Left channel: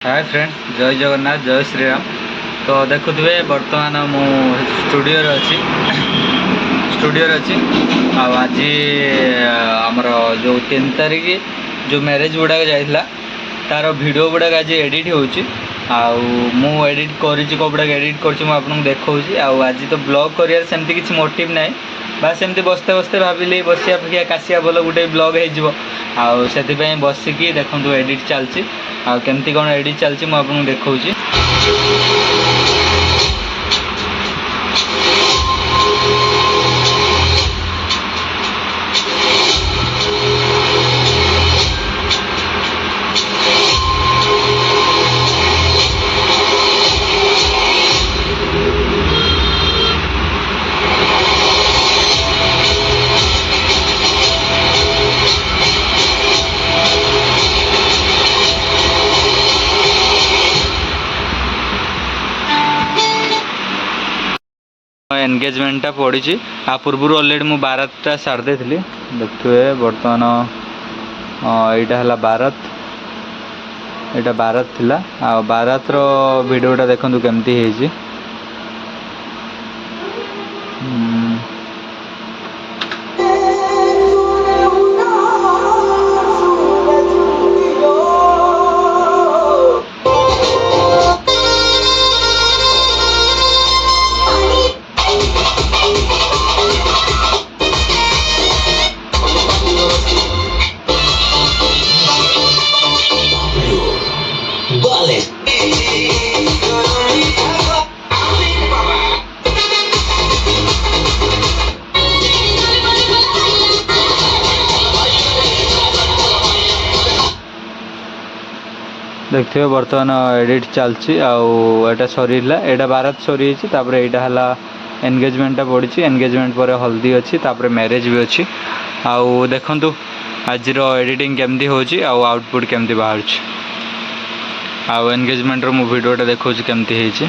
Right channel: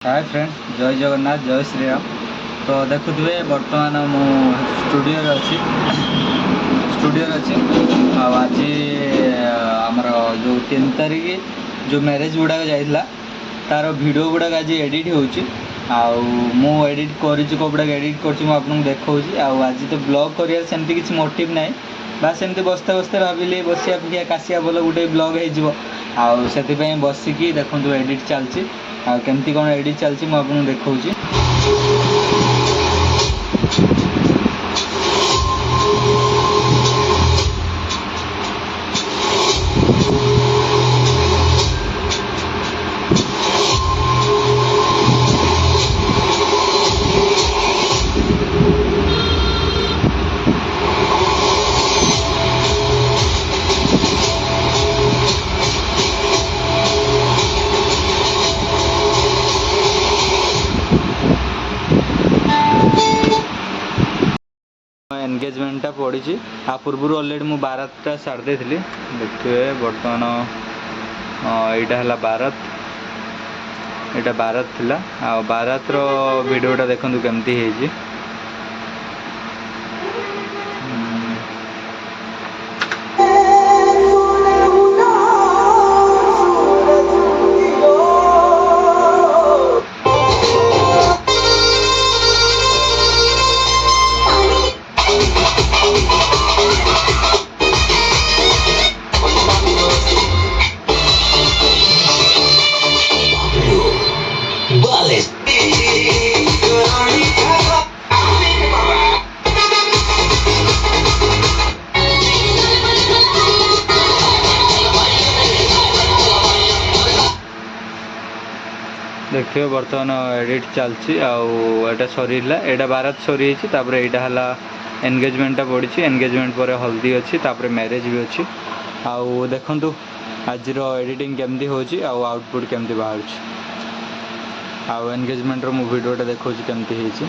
Hi friends, जय जगन्नाथ, जय श्रीराम। तो देखुए बर्तमान मु स्टूडियो अच्छी आज आमर जो 3 तारिख जो मैरेज गुड़ाक जाइला तार वीडियो गुड़ाक आज एडिट हो एडिट कपड़ाक एडिट कर देखा आज तो ब्लॉग कर सेमती किसी मोटिव ना बास एमती बसते बसते भाविली बसिया अपेक्षा काशिया बोल गोटे ब्लॉग हो बसिकी देखो एडिट चलती केमती कौन एडिट चलती मुझे देखा एंगेजमेंटा पड़ी आ पूर्व अलरेडी मुझे बारातटा सारी थी देखिए बर्तमान यहाँ बारात यहाँ बारात थिला आ बारात रो वीडियोटा देखो केमती है। देखिए बर्तमान एडिट चलती आटा सरीला यहाँ बारात सरी यहाँ एंगेजमेंटा पड़ी एंगेजमेंट पर हल्दी अच्छी मैरिज भी अच्छी देखु आज एडिटिंग केमती होची आउटपुट केमती बाहर एंगेजमेंट रो वीडियोटा देखो केमती है।